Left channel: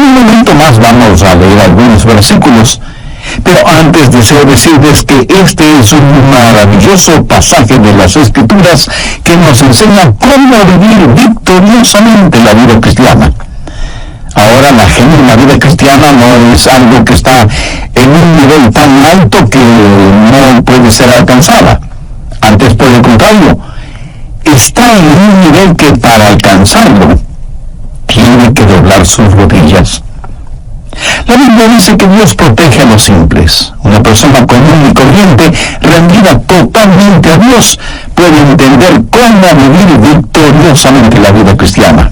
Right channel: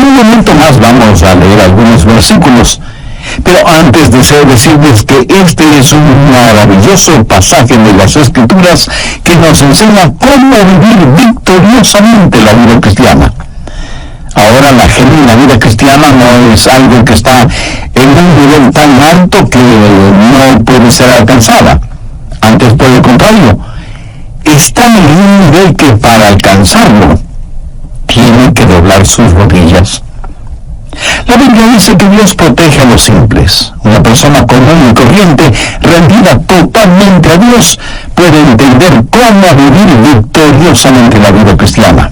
En un momento más vamos a leer algunos versículos, pero antes deseo decirles que este es un maravilloso pasaje de las Escrituras que nos enseña cómo vivir victoriosamente la vida cristiana. Ahora, la genuina vida cristiana no es algo que está en un nivel tan alto que no puede ser alcanzada. Antes, por el contrario, está en un nivel que para alcanzarlo tiene que doblar sus rodillas. La Biblia dice que Dios protege a los simples. Una persona común y corriente, rendida totalmente a Dios, puede entender cómo vivir victoriosamente la vida cristiana.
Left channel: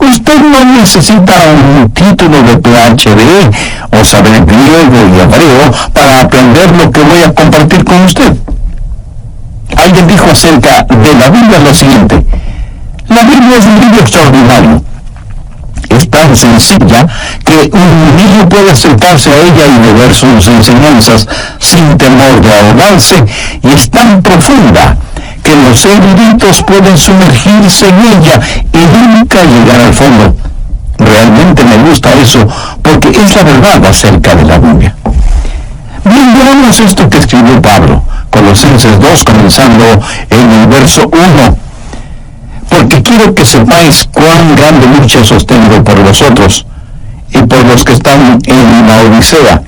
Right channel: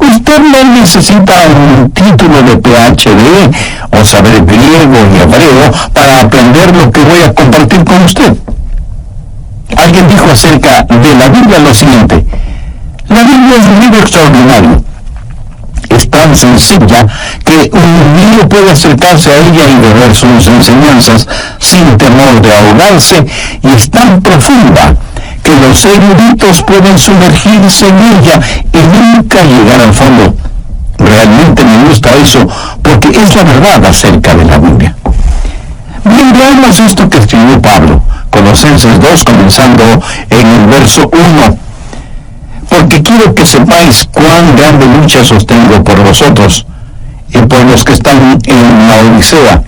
Usted no necesita un título de PhD o saber griego y hebreo para aprender lo que voy a compartir con usted. Alguien dijo acerca de la Biblia lo siguiente: la Biblia es un libro extraordinario. Es tan sencilla que un niño puede acercarse a ella y beber sus enseñanzas sin temor de ahogarse, y es tan profunda que los eruditos pueden sumergirse en ella y nunca llegar al fondo. Realmente me gusta eso, porque es la verdad acerca de la Biblia. Bien, veamos esto que escribió Pablo, Colosenses 2, comenzando en el verso 1. Porque quiero que sepáis cuán grande lucha sostengo por vosotros, y por los que están en la Odisea,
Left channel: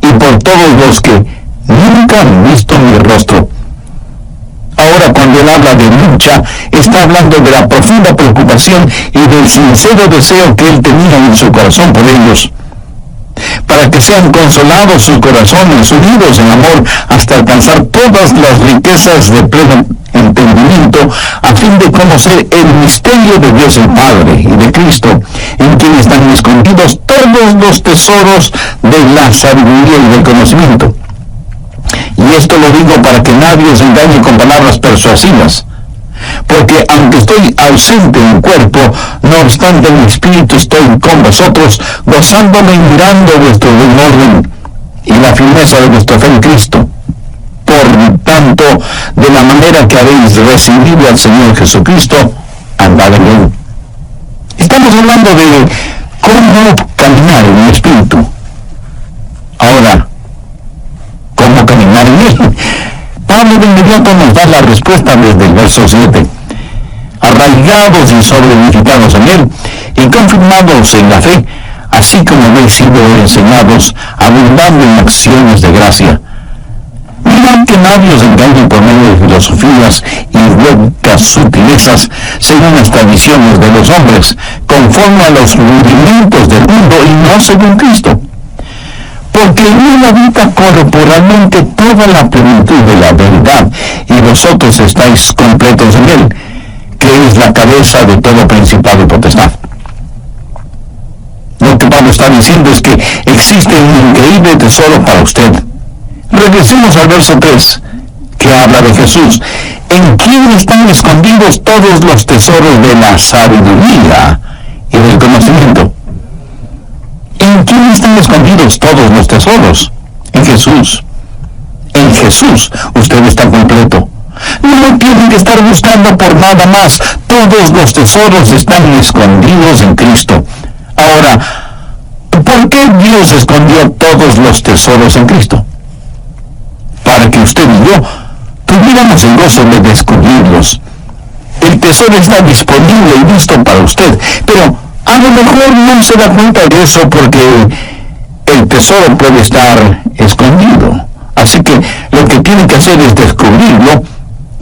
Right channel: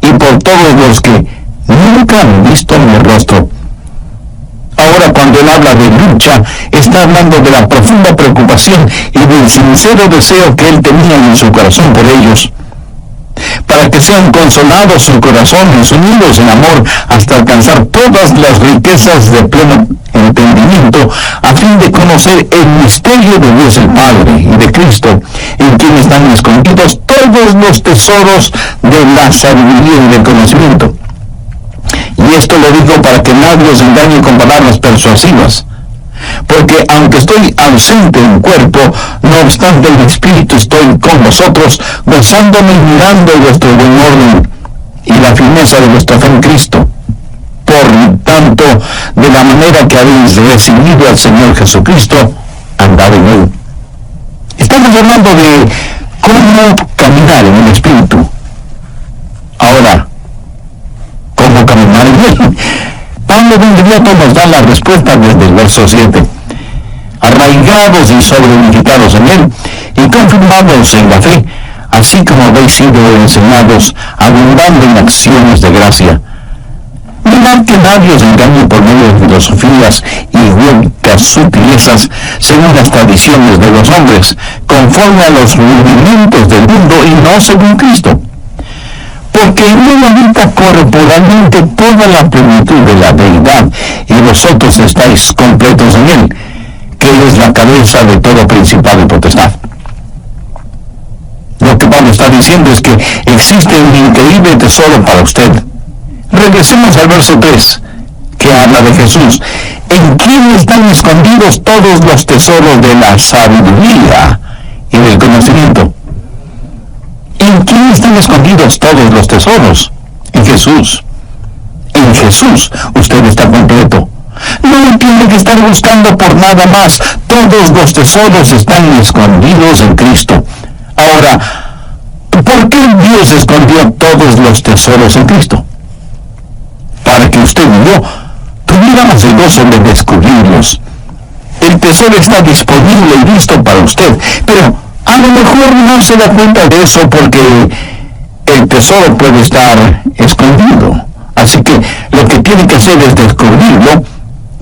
y por todos los que nunca han visto mi rostro. Ahora, cuando él habla de lucha, está hablando de la profunda preocupación y del sincero deseo que él tenía en su corazón por ellos, para que sean consolados sus corazones, unidos en amor, hasta alcanzar todas las riquezas de pleno entendimiento, a fin de conocer el misterio de Dios el Padre y de Cristo, en quien están escondidos todos los tesoros de la sabiduría y del conocimiento. Y esto lo digo para que nadie os engañe con palabras persuasivas. Porque aunque estoy ausente en cuerpo, no obstante en espíritu estoy con vosotros, gozándome y mirando vuestro buen orden y la firmeza de vuestra fe en Cristo. Por tanto, de la manera que habéis recibido al Señor Jesucristo, andad en él. Estamos hablando de cómo caminar en el espíritu. Ahora, ¿cómo caminar en él? Pablo de inmediato nos da la respuesta desde el verso 7. Arraigados y sobreedificados en él, y confirmados en la fe, así como habéis sido enseñados, abundando en acciones de gracia. Mirad que nadie os engañe por medio de filosofías y huecas sutilezas, según las tradiciones de los hombres, conforme a los rudimentos del mundo y no según Cristo. Porque en él habita corporalmente toda la plenitud de la deidad, y vosotros estáis completos en él, que es la cabeza de todo principado y potestad. Lo que Pablo está diciendo es que existe un increíble tesoro para usted. Regresemos al verso 3, que habla de Jesús, en quien están escondidos todos los tesoros de la sabiduría y del conocimiento. ¿En quién están escondidos todos los tesoros? En Jesús. En Jesús usted está completo. No tiene que estar buscando por nada más. Todos los tesoros están escondidos en Cristo. Ahora, ¿por qué Dios escondió todos los tesoros en Cristo? Para que usted y yo tuviéramos el gozo de descubrirlos. El tesoro está disponible y listo para usted, pero a lo mejor no se da cuenta de eso porque el tesoro puede estar escondido. Así que lo que tiene que hacer es descubrirlo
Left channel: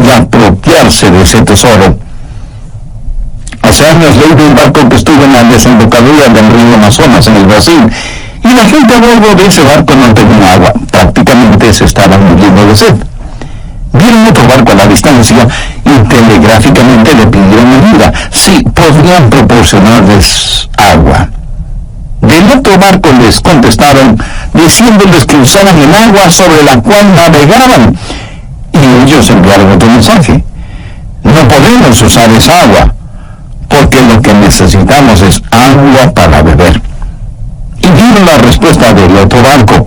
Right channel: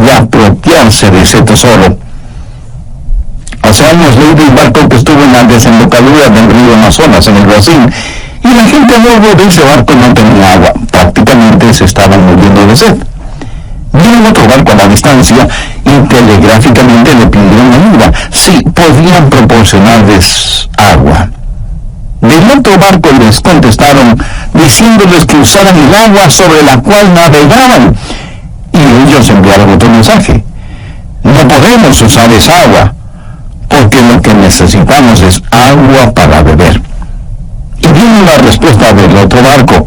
y apropiarse de ese tesoro. Hace años leí de un barco que estuvo en la desembocadura del río Amazonas, en el Brasil, y la gente a bordo de ese barco no tenía agua. Prácticamente se estaban muriendo de sed. Vieron otro barco a la distancia y telegráficamente le pidieron ayuda, si podían proporcionarles agua. Del otro barco les contestaron diciéndoles que usaran el agua sobre la cual navegaban, y ellos enviaron otro mensaje: no podemos usar esa agua, porque lo que necesitamos es agua para beber. Y vino la respuesta del otro barco:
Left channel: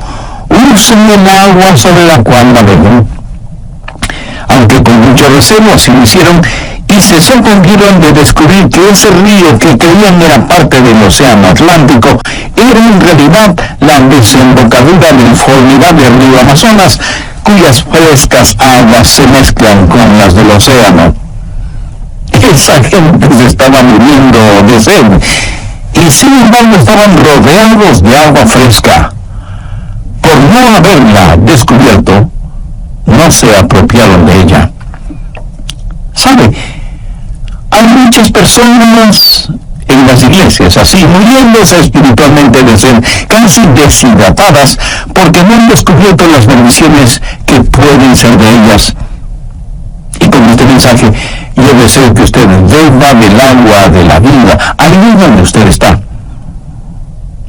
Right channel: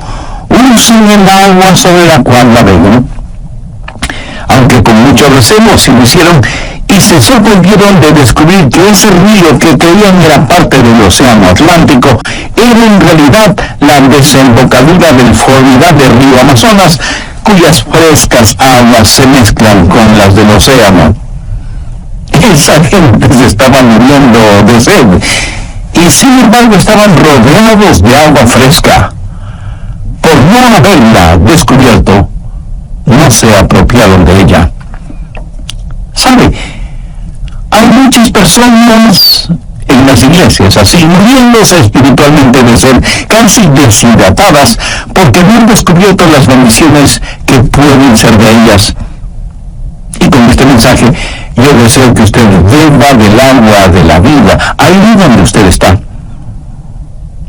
usen el agua sobre la cual navegan. Aunque con mucho recelo así lo hicieron, y se sorprendieron de descubrir que ese río que creían era parte del océano Atlántico era en realidad la desembocadura del formidable río Amazonas, cuyas frescas aguas se mezclan con las del océano. Esa gente se estaba muriendo de sed, y sin embargo estaban rodeados de agua fresca. Por no haberla descubierto, no se apropiaron de ella. ¿Sabe? Hay muchas personas en las iglesias así, muriéndose espiritualmente de sed, casi deshidratadas, porque no han descubierto las bendiciones que pueden ser de ellas. Y con este mensaje, yo deseo que usted beba del agua de la vida, ahí donde usted está.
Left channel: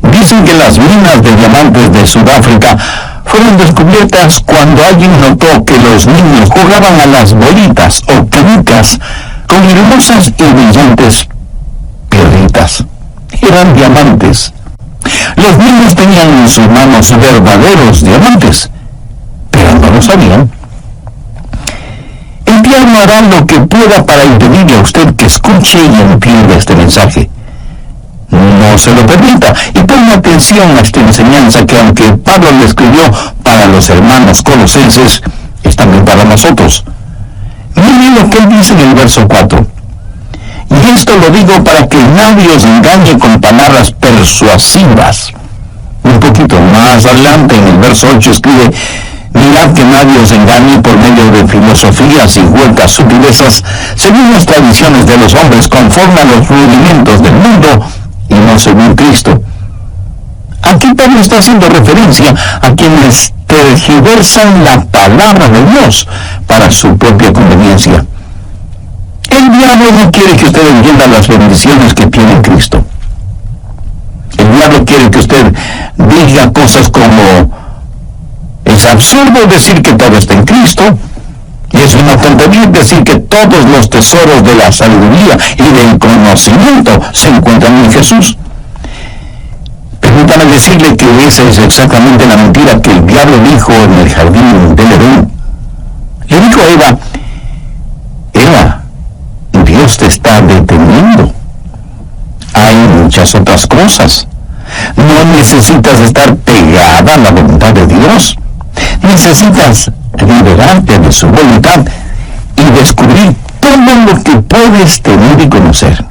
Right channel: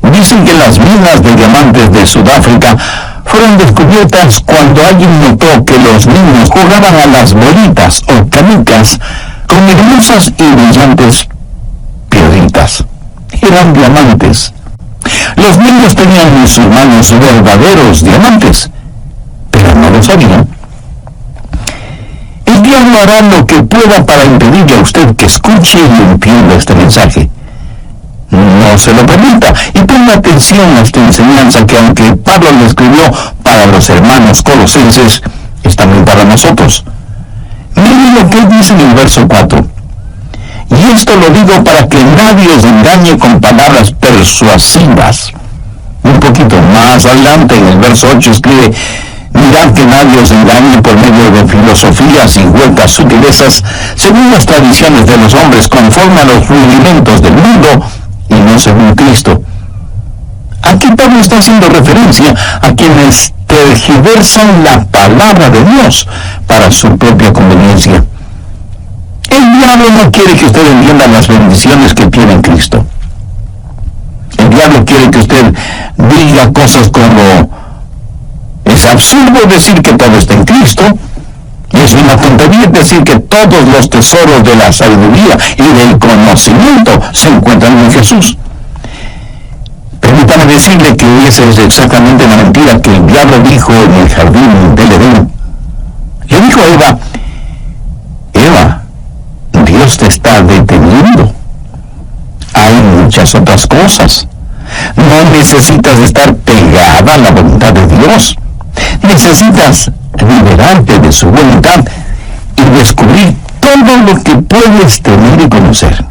Dicen que las minas de diamantes de Sudáfrica fueron descubiertas cuando alguien notó que los niños jugaban a las bolitas o canicas con hermosas y brillantes piedritas. Eran diamantes. Los niños tenían en sus manos verdaderos diamantes, pero no lo sabían. El diablo hará lo que pueda para impedirle a usted que escuche y entienda este mensaje. No se lo permita y ponga atención a esta enseñanza que, aunque Pablo le escribió para los hermanos colosenses, es también para nosotros. Miren lo que él dice en el verso 4. Y esto lo digo para que nadie os engañe con palabras persuasivas. Un poquito más adelante, en el verso 8, escribe: mirad que nadie os engañe por medio de filosofías y huecas sutilezas, según las tradiciones de los hombres, conforme a los rudimentos del mundo, y no según Cristo. Aquí Pablo está haciendo referencia a quienes tergiversan la palabra de Dios para su propia conveniencia. El diablo no quiere que usted entienda las bendiciones que tiene en Cristo. El diablo quiere que usted diga cosas como: es absurdo decir que todo está en Cristo, y es una tontería decir que todos los tesoros de la sabiduría y del conocimiento se encuentran en Jesús. Permítame decirle que esa es exactamente la mentira que el diablo dijo en el jardín del Edén. Le dijo a Eva: Eva, Dios te está deteniendo. Hay muchas otras cosas. No necesitas estar pegada a la voluntad de Dios. Necesitas liberarte de su voluntad y descubrir todo lo que puedes tener y conocer.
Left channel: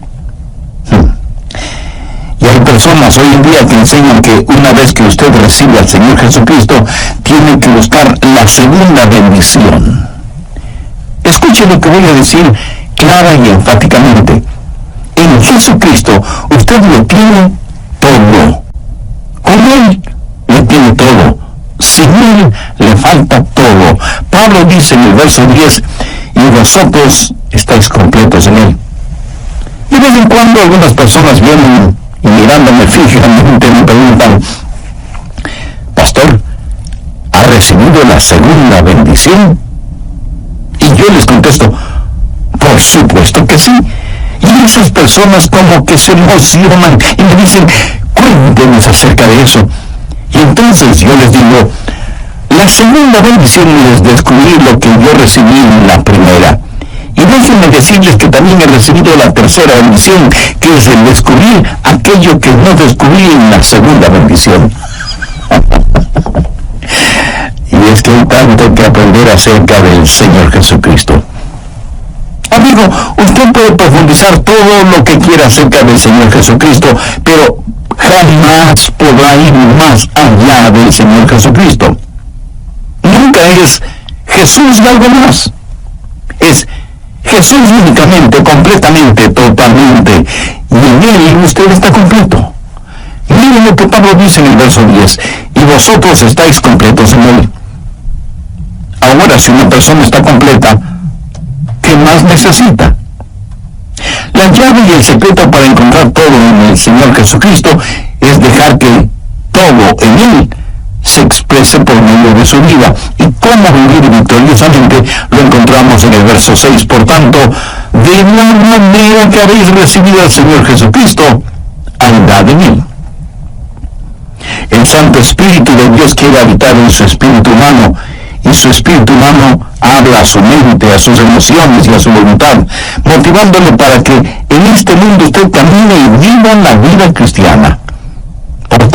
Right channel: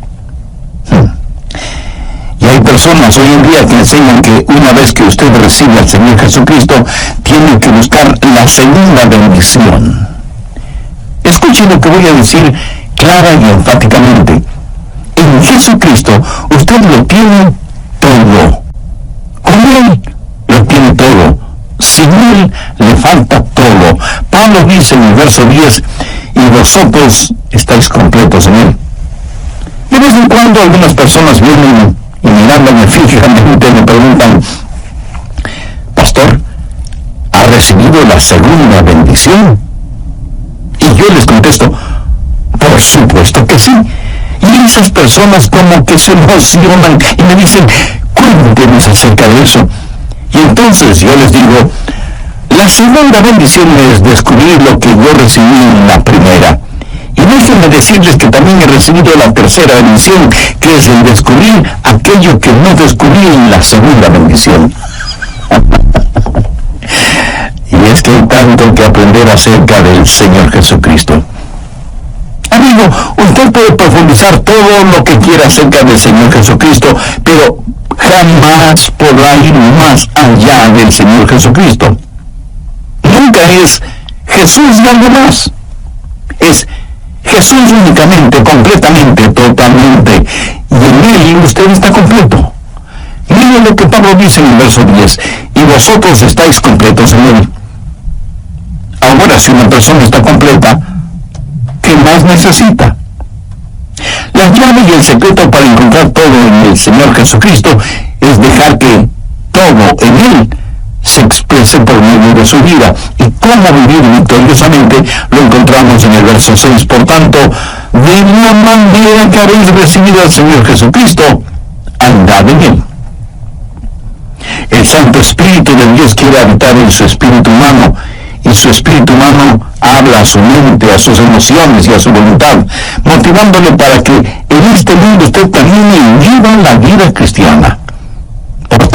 Y hay personas hoy en día que enseñan que una vez que usted recibe al Señor Jesucristo, tiene que buscar la segunda bendición. Escuche lo que voy a decir clara y enfáticamente. En Jesucristo usted lo tiene todo. Con Él lo tiene todo. Sin Él le falta todo. Pablo dice en el verso 10: y vosotros estáis completos en Él. De vez en cuando algunas personas vienen y, mirándome fijamente, me preguntan: pastor, ¿ha recibido la segunda bendición? Y yo les contesto: por supuesto que sí. Y esas personas como que se emocionan y me dicen: cuéntenos acerca de eso. Y entonces yo les digo: la segunda bendición es descubrir lo que yo recibí en la primera. Y déjenme decirles que también he recibido la tercera bendición, que es el descubrir aquello que no descubrí en la segunda bendición. Y es que hay tanto que aprender acerca del Señor Jesucristo. Amigo, usted puede profundizar todo lo que quiera acerca del Señor Jesucristo, pero jamás podrá ir más allá del Señor Jesucristo. Nunca es Jesús y algo más. Es Jesús únicamente, completamente, totalmente. Y en Él usted está completo. Miren lo que Pablo dice en el verso 10. Y vosotros estáis completos en Él. Ahora, si una persona está completa, ¿qué más necesita? La llave y el secreto para encontrar todo en el Señor Jesucristo es dejar que todo en Él se exprese por medio de su vida. Y cómo vivir victoriosamente lo encontramos en el verso 6. Por tanto, de la manera que habéis recibido al Señor Jesucristo, andad en Él. El Santo Espíritu de Dios quiere habitar en su espíritu humano, y su espíritu humano habla a su mente, a sus emociones y a su voluntad, motivándole para que en este mundo usted camine y viva la vida cristiana. Por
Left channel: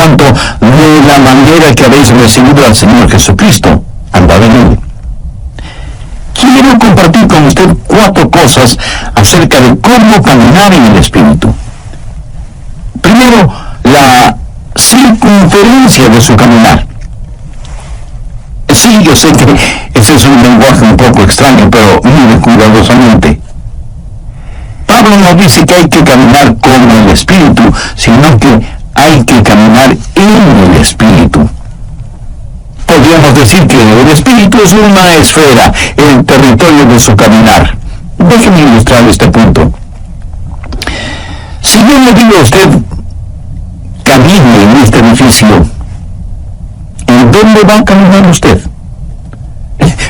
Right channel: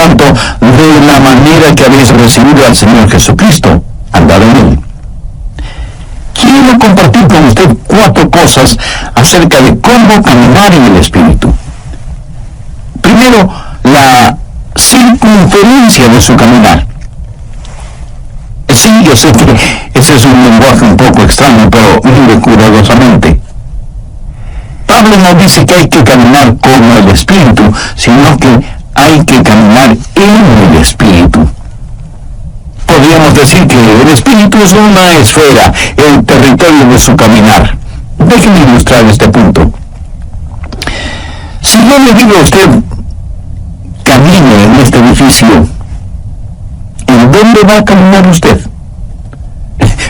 de la manera que habéis recibido al Señor Jesucristo, andad en Él. Quiero compartir con usted 4 cosas acerca de cómo caminar en el Espíritu. Primero, la circunferencia de su caminar. Sí, yo sé que ese es un lenguaje un poco extraño, pero mire cuidadosamente. Pablo no dice que hay que caminar como el Espíritu, sino que hay que caminar en el Espíritu. Podríamos decir que el Espíritu es una esfera, el territorio de su caminar. Déjeme ilustrar este punto. Si yo le digo a usted, camine en este edificio, ¿en dónde va a caminar usted?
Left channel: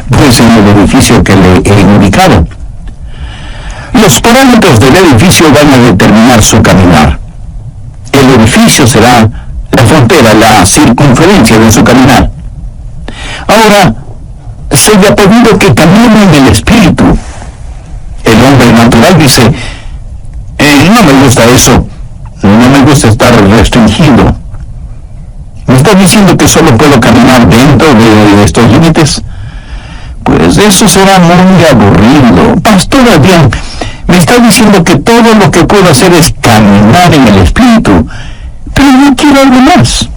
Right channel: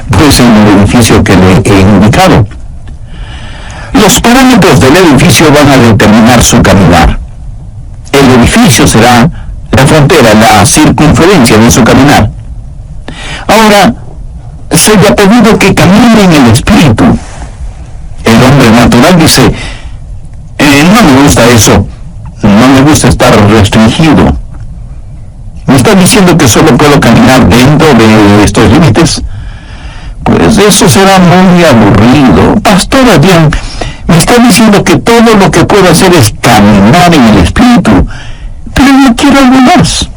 Pues en el edificio que le he indicado. Los parámetros del edificio van a determinar su caminar. El edificio será la frontera, la circunferencia de su caminar. Ahora, se le ha pedido que camine en el Espíritu. El hombre natural dice, no me gusta eso, no me gusta estar restringido. ¿Me está diciendo que solo puedo caminar dentro de estos límites? Pues eso será muy aburrido. Pastor Adrián, me está diciendo que todo lo que puedo hacer es caminar en el Espíritu, pero yo quiero algo más.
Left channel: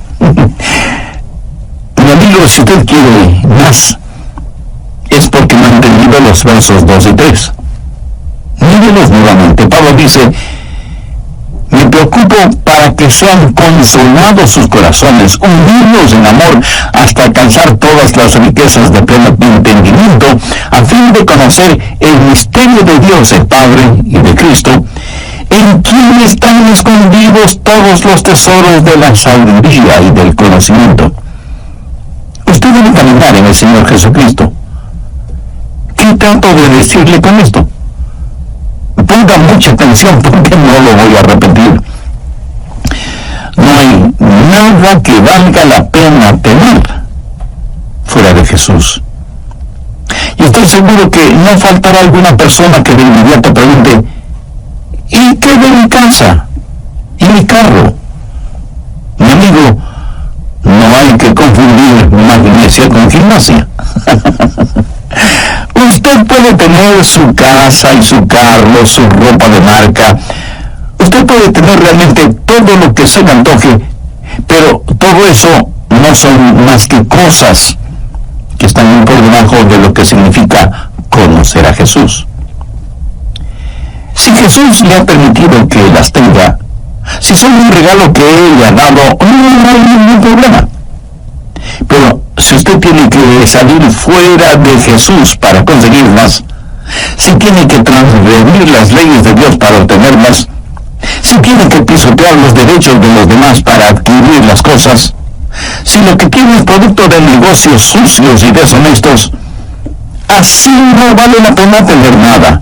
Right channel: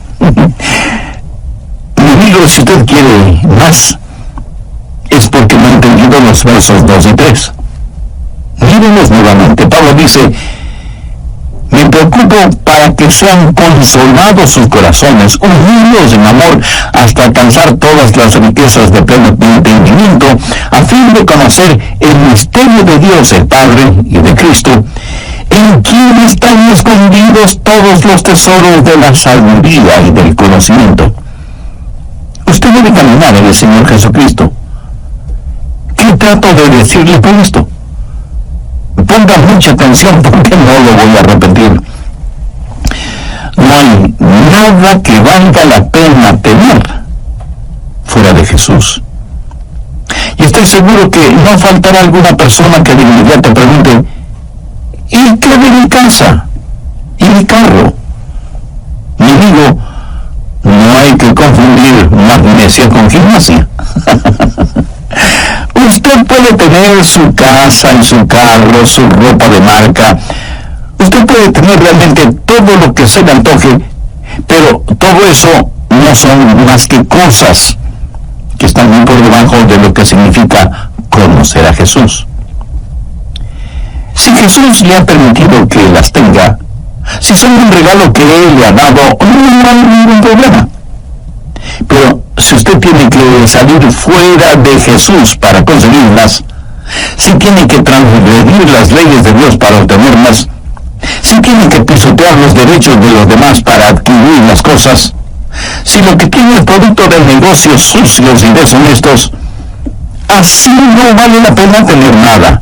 Mi amigo, si usted quiere más, es porque no ha entendido los versos 2 y 3. Mírenlos nuevamente. Pablo dice, me preocupo para que sean consolados sus corazones, unidos en amor, hasta alcanzar todas las riquezas de pleno entendimiento, a fin de conocer el misterio de Dios, el Padre, y de Cristo, en quien están escondidos todos los tesoros de la sabiduría y del conocimiento. Usted debe caminar en el Señor Jesucristo. ¿Qué trato de decirle con esto? Ponga mucha atención porque no lo voy a repetir. No hay nada que valga la pena tener fuera de Jesús. Y estoy seguro que no faltará alguna persona que de inmediato pregunte, ¿y qué de mi casa? ¿Y mi carro? Mi amigo, no hay que confundir magnesia con gimnasia. Usted puede tener su casa y su carro, su ropa de marca. Usted puede tener realmente todo lo que se le antoje, pero todo eso no son más que cosas que están muy por debajo de lo que significa conocer a Jesús. Si Jesús le ha permitido que las tenga, si son un regalo que Él le ha dado, no hay ningún problema. Pero si usted tiene que salir fuera de Jesús para conseguirlas, si tiene que transgredir las leyes de Dios para obtenerlas, si tiene que pisotear los derechos de los demás para adquirir las cosas, si lo que tiene es producto de negocios sucios y deshonestos, así no vale la pena tener nada.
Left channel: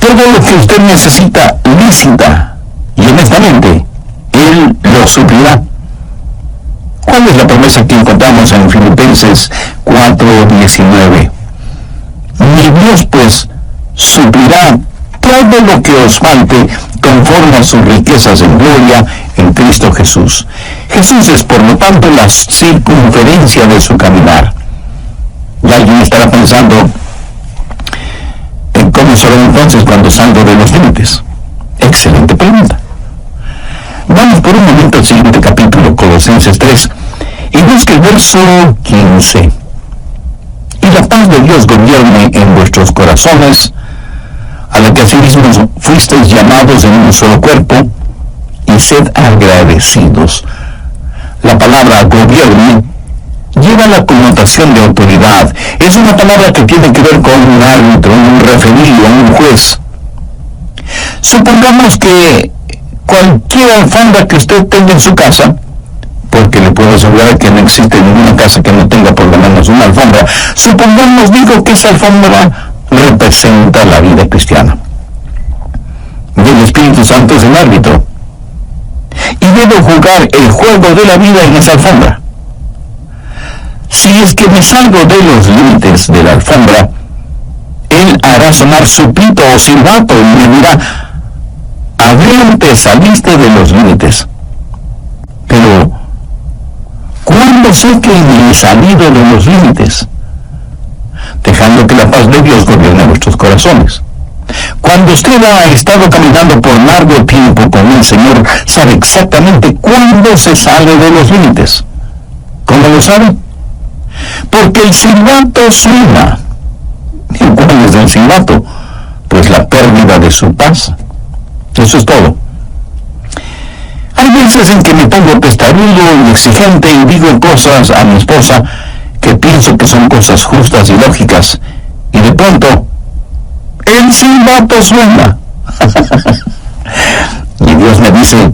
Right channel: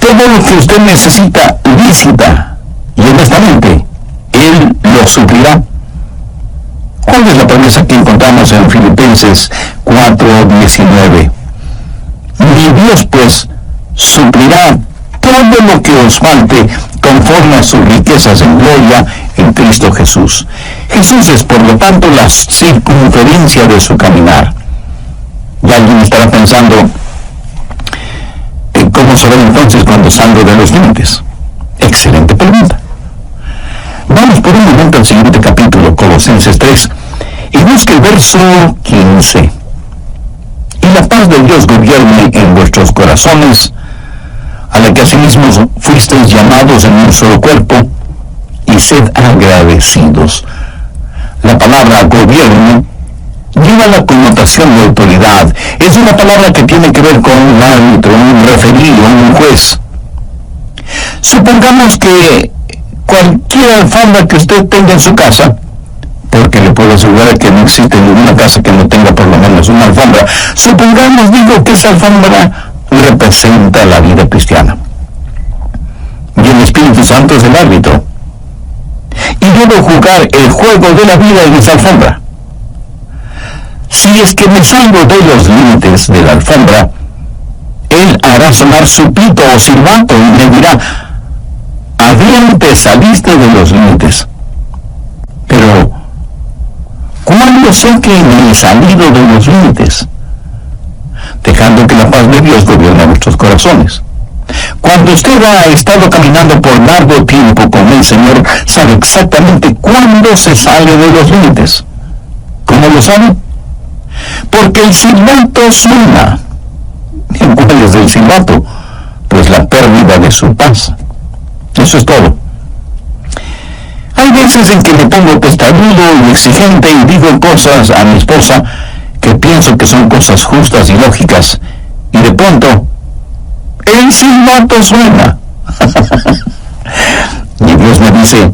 Todo lo que usted necesita lícita y honestamente, Él lo suplirá. ¿Cuál es la promesa que encontramos en Filipenses 4:19? Mi Dios, pues, suplirá todo lo que os falte conforme a sus riquezas en gloria en Cristo Jesús. Jesús es, por lo tanto, la circunferencia de su caminar. Y alguien estará pensando, ¿cómo saber entonces cuando salgo de los límites? Excelente pregunta. Vamos por un momento al siguiente capítulo, Colosenses 3, y busque el verso 15. Y la paz de Dios gobierne en vuestros corazones, a la que asimismo fuisteis llamados en un solo cuerpo, y sed agradecidos. La palabra gobierne lleva la connotación de autoridad. Es una palabra que tiene que ver con un árbitro, un referido, un juez. Supongamos que cualquier alfombra que usted tenga en su casa, porque le puedo asegurar que no existe ninguna casa que no tenga por lo menos una alfombra, supongamos, digo, que esa alfombra representa la vida cristiana. Y el Espíritu Santo es el árbitro. Y debo jugar el juego de la vida en esa alfombra. Si es que me salgo de los límites de la alfombra, Él hará sonar su pito o silbato y me dirá, Adrián, te saliste de los límites. Pero cuando sé que me he salido de los límites, dejando que la paz de Dios gobierne vuestros corazones. Cuando usted ha estado caminando por largo tiempo con el Señor, sabe exactamente cuándo se sale de los límites. ¿Cómo lo sabe? Porque el silbato suena. ¿Y cuál es el silbato? Pues la pérdida de su paz. Eso es todo. Hay veces en que me pongo testarudo y exigente y digo cosas a mi esposa que pienso que son cosas justas y lógicas, y de pronto el silbato suena. Y Dios me dice:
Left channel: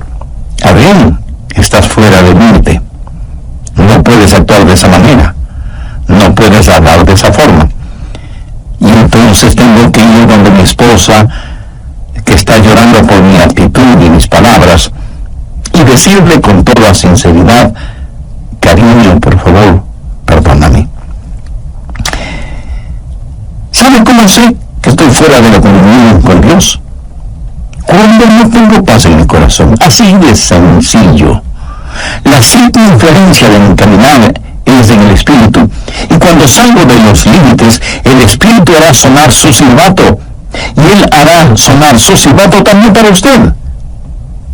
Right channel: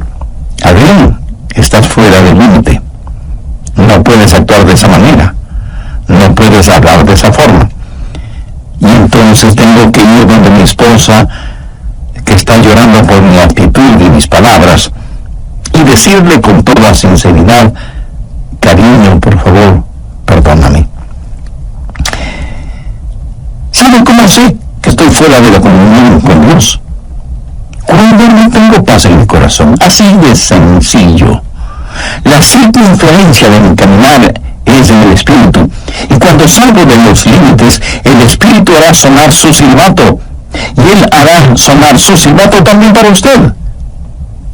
Adrián, estás fuera de límite. No puedes actuar de esa manera. No puedes hablar de esa forma. Y entonces tengo que ir donde mi esposa, que está llorando por mi actitud y mis palabras, y decirle con toda sinceridad: cariño, por favor, perdóname. ¿Sabe cómo sé que estoy fuera de la comunión con Dios? Cuando no tengo paz en mi corazón. Así de sencillo. La circunferencia de mi caminar es en el Espíritu, y cuando salgo de los límites, el Espíritu hará sonar su silbato, y Él hará sonar su silbato también para usted.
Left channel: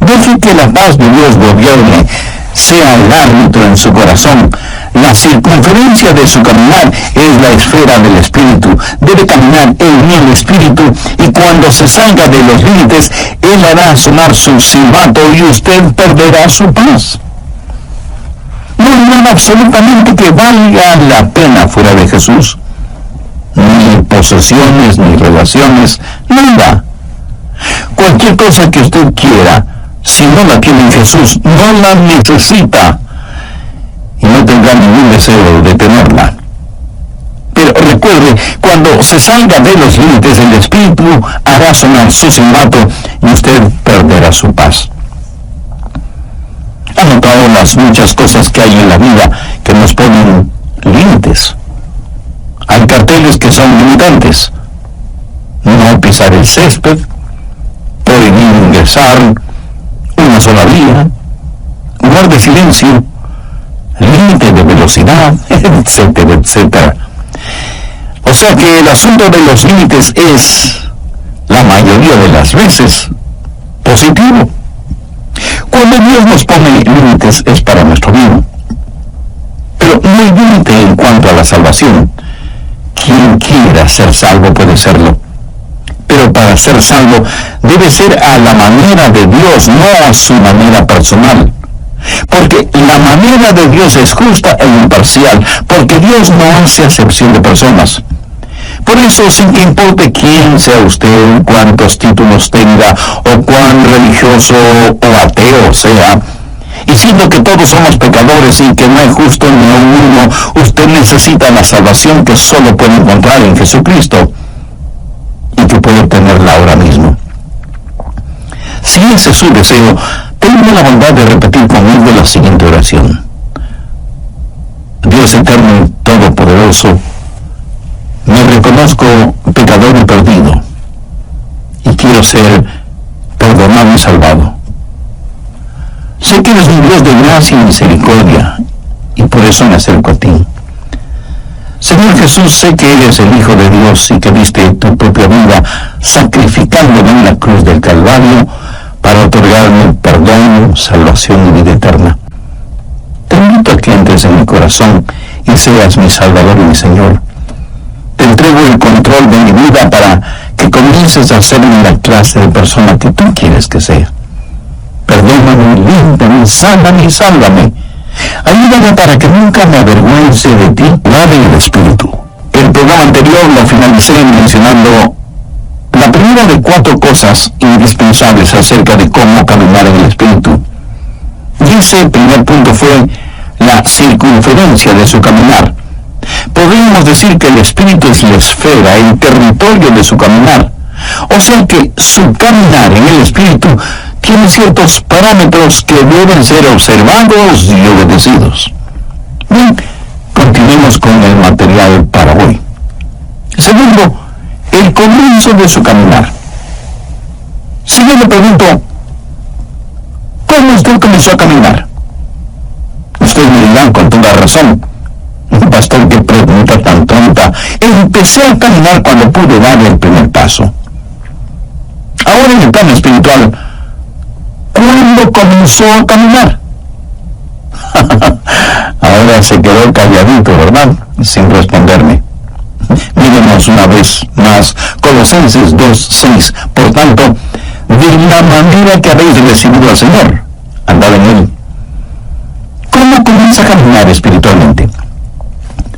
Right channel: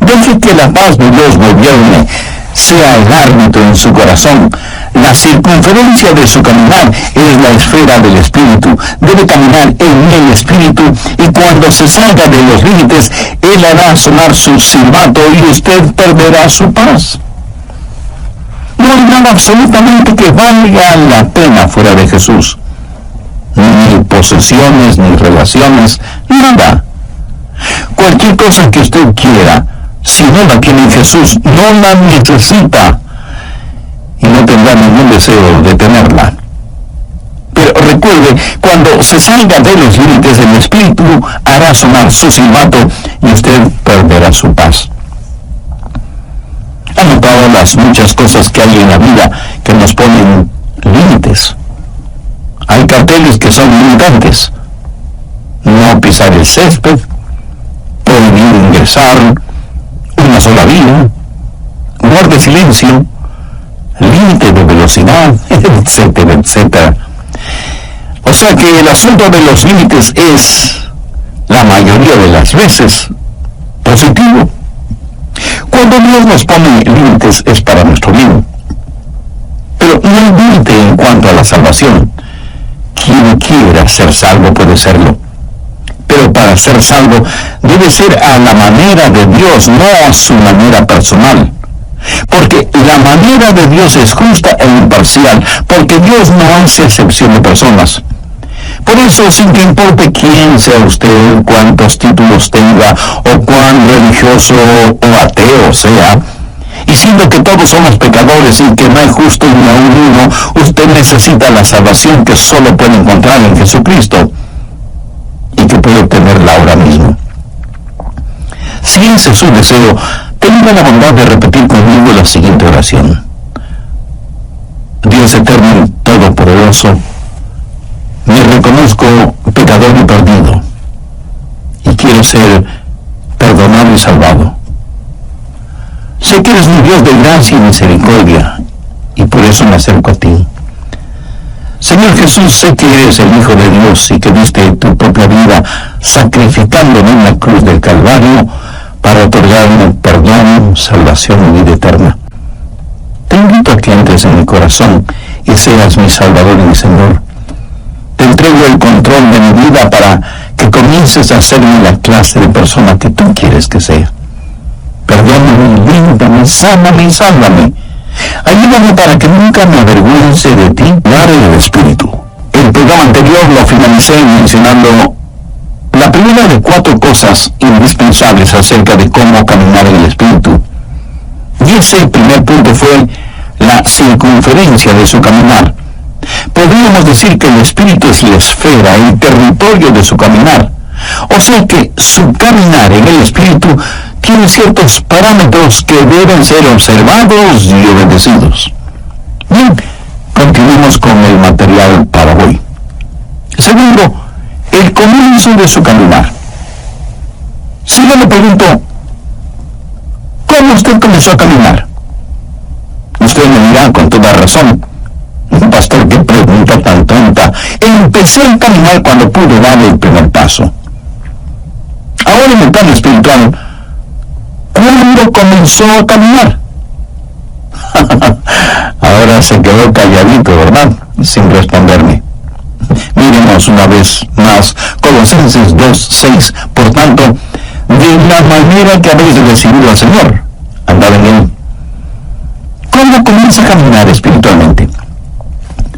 Deje que la paz de Dios gobierne, sea el árbitro en su corazón. La circunferencia de su caminar es la esfera del Espíritu. Debe caminar en el Espíritu, y cuando se salga de los límites, Él hará sonar su silbato y usted perderá su paz. No hay nada absolutamente que valga la pena fuera de Jesús. Ni posesiones, ni relaciones, nada. Cualquier cosa que usted quiera, si no la tiene en Jesús, no la necesita, y no tendrá ningún deseo de tenerla. Pero recuerde, cuando se salga de los límites, el Espíritu hará sonar su silbato y usted perderá su paz. ¿Ha notado las muchas cosas que hay en la vida que nos ponen límites? Hay carteles que son limitantes: no pisar el césped, prohibir ingresar, una sola vía, guarde silencio, límite de velocidad, etcétera, etcétera. O sea que el asunto de los límites es, la mayoría de las veces, positivo. Cuando Dios nos pone límites es para nuestro bien. Pero no hay límite en cuanto a la salvación. Quien quiera ser salvo puede serlo. Pero para ser salvo debe ser a la manera de Dios, no a su manera personal. Porque la manera de Dios es justa e imparcial, porque Dios no hace acepción de personas. Por eso, sin que importe quién sea usted, cuántos títulos tenga, o cuán religioso o ateo sea, y siendo que todos somos pecadores y que no hay justo ni aun uno, usted necesita la salvación que solo puede encontrar en Jesucristo, y que puede obtenerla ahora mismo. Si ese es su deseo, tenga la bondad de repetir conmigo la siguiente oración. Dios eterno y todopoderoso, me reconozco pecador y perdido, y quiero ser perdonado y salvado. Sé que eres un Dios de gracia y misericordia, y por eso me acerco a ti. Señor Jesús, sé que eres el Hijo de Dios y que diste tu propia vida sacrificándome en la cruz del Calvario para otorgarme perdón, salvación y vida eterna. Te invito a que entres en mi corazón y seas mi Salvador y mi Señor. Te entrego el control de mi vida para que comiences a hacerme la clase de persona que tú quieres que sea. Perdóname, límpiame, sáname y sálvame. Ayúdame para que nunca me avergüence de ti, hablar en el Espíritu. El programa anterior lo finalicé mencionando la primera de 4 cosas indispensables acerca de cómo caminar en el Espíritu. Y ese primer punto fue la circunferencia de su caminar. Podríamos decir que el Espíritu es la esfera, el territorio de su caminar. O sea que su caminar en el Espíritu tiene ciertos parámetros que deben ser observados y obedecidos. Bien, continuemos con el material para hoy. Segundo, el comienzo de su caminar. Si yo le pregunto, ¿cómo usted comenzó a caminar? Usted me dirá, dirán con toda razón: pastor, qué pregunta tan tonta. Empecé a caminar cuando pude dar el primer paso. Ahora, en el plano espiritual, ¿cuándo comenzó a caminar? Ahora se quedó calladito, ¿verdad? Sin responderme. Miremos una vez más Colosenses 2:6. Por tanto, de la manera que habéis recibido al Señor, andad en Él. ¿Cómo comienza a caminar espiritualmente?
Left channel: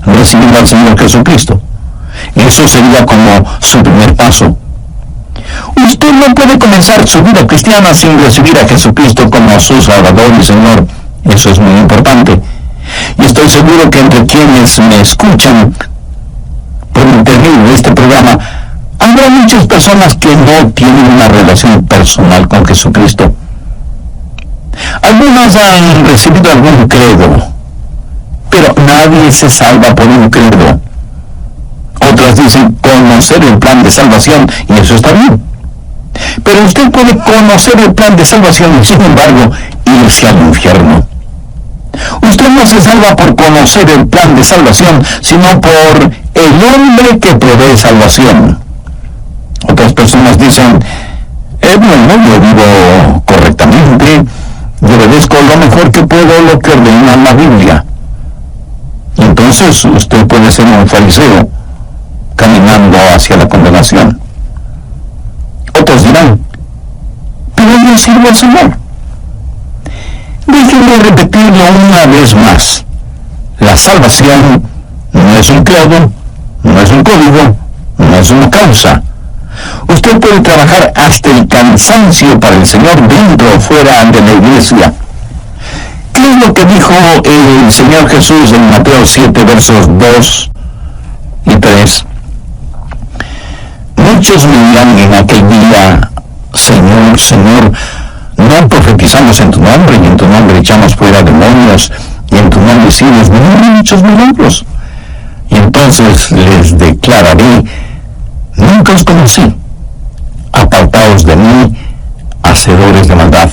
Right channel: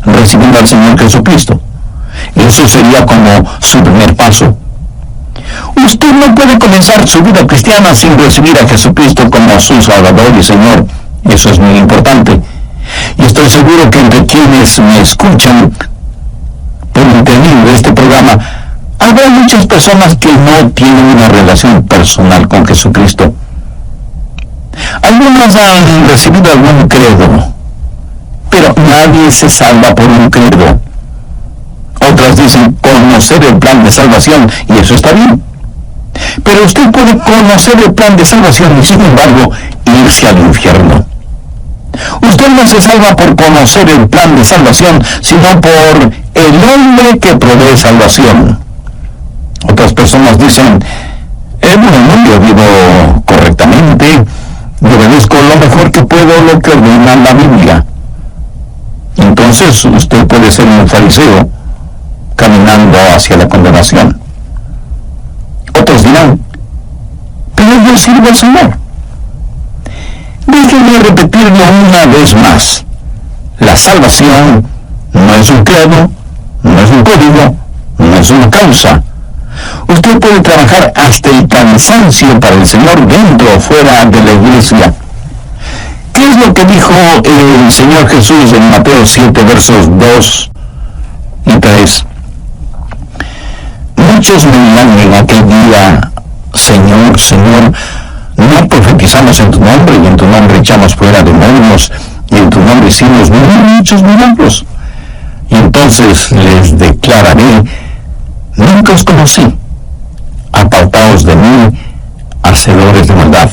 Recibiendo al Señor Jesucristo. Eso sería como su primer paso. Usted no puede comenzar su vida cristiana sin recibir a Jesucristo como su Salvador y Señor. Eso es muy importante. Y estoy seguro que entre quienes me escuchan por intermedio de este programa, habrá muchas personas que no tienen una relación personal con Jesucristo. Algunas han recibido algún credo, pero nadie se salva por un credo. Otras dicen conocer el plan de salvación, y eso está bien. Pero usted puede conocer el plan de salvación y, sin embargo, irse al infierno. Usted no se salva por conocer el plan de salvación, sino por el hombre que provee salvación. Otras personas dicen: bueno, yo vivo correctamente, yo obedezco lo mejor que puedo lo que ordena la Biblia. Entonces usted puede ser un fariseo caminando hacia la condenación. Otros dirán: pero yo sirvo al Señor. Déjenme repetirlo una vez más. La salvación no es un credo, no es un código, no es una causa. Usted puede trabajar hasta el cansancio para el Señor dentro o fuera de la iglesia. ¿Qué es lo que dijo el Señor Jesús en Mateo 7, versos 2 y 3? Muchos me dirán en aquel día: Señor, Señor, ¿no profetizamos en tu nombre, y en tu nombre echamos fuera demonios, y en tu nombre hicimos muchos milagros? Y entonces les declararé: nunca os conocí, apartaos de mí, hacedores de maldad.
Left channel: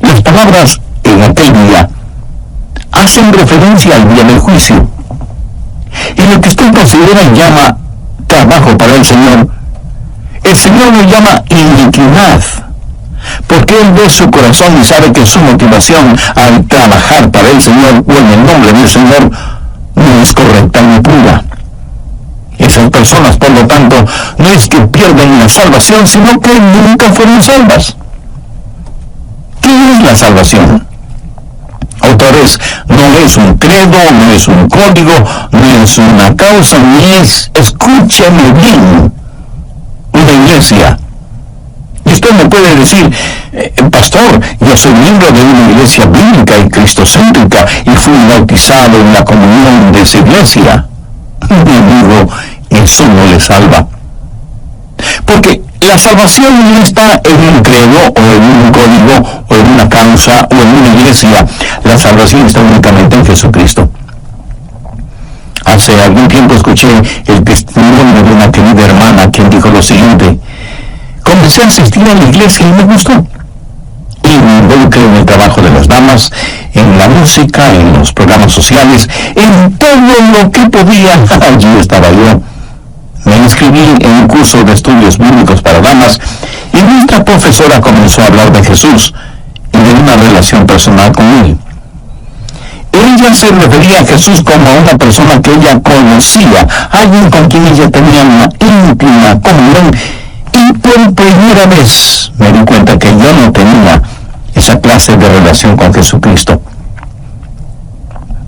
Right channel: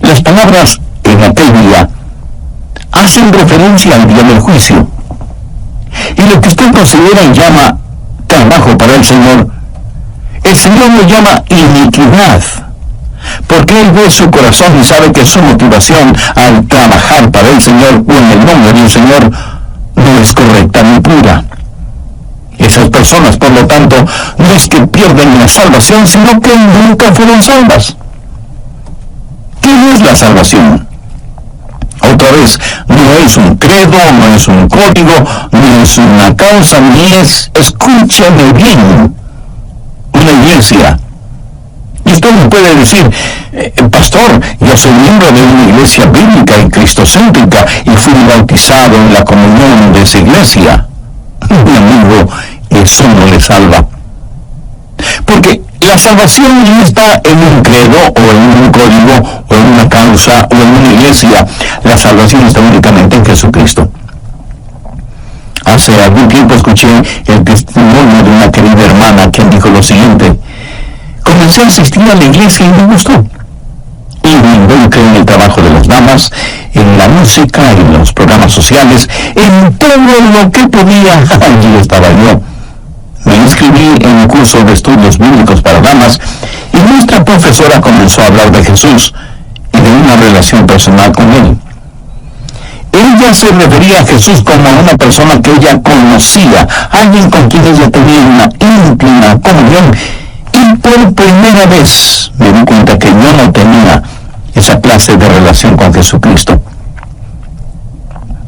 Las palabras en aquel día hacen referencia al día del juicio. Y lo que usted considera y llama trabajo para el Señor lo llama iniquidad, porque Él ve su corazón y sabe que su motivación al trabajar para el Señor o en el nombre del Señor no es correcta ni pura. Esas personas, por lo tanto, no es que pierden la salvación, sino que nunca fueron salvas. ¿Qué es la salvación? Otra vez, no es un credo, no es un código, no es una causa, ni es, escúcheme bien, una iglesia. Y usted me puede decir: pastor, yo soy miembro de una iglesia bíblica y cristocéntrica y fui bautizado en la comunión de esa iglesia. Mi amigo, eso no le salva. Porque la salvación no está en un credo o en un código o en una causa o en una iglesia. La salvación está únicamente en Jesucristo. Hace algún tiempo escuché el testimonio de una querida hermana quien dijo lo siguiente: comencé a asistir a la iglesia y me gustó. Y me involucré en el trabajo de las damas, en la música, en los programas sociales, en todo lo que podía. Allí estaba yo. Me inscribí en un curso de estudios bíblicos para damas y nuestra profesora comenzó a hablar de Jesús y de una relación personal con Él. Ella se refería a Jesús como a una persona que ella conocía, alguien con quien ella tenía una íntima comunión, y por primera vez me di cuenta que yo no tenía esa clase de relación con Jesucristo.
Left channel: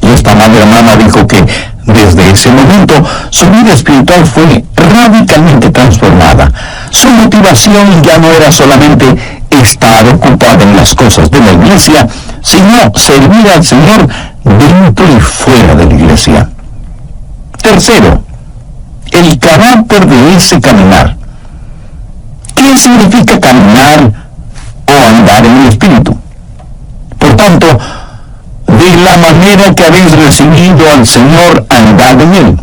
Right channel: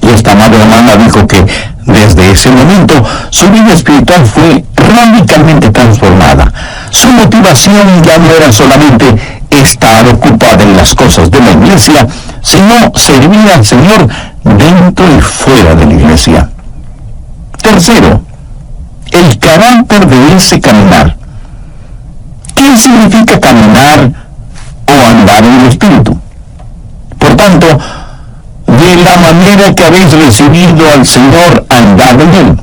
Y esta madre hermana dijo que desde ese momento su vida espiritual fue radicalmente transformada. Su motivación ya no era solamente estar ocupada en las cosas de la iglesia, sino servir al Señor dentro y fuera de la iglesia. Tercero, el carácter de ese caminar. ¿Qué significa caminar o andar en el Espíritu? Por tanto, de la manera que habéis recibido al Señor, andad en Él.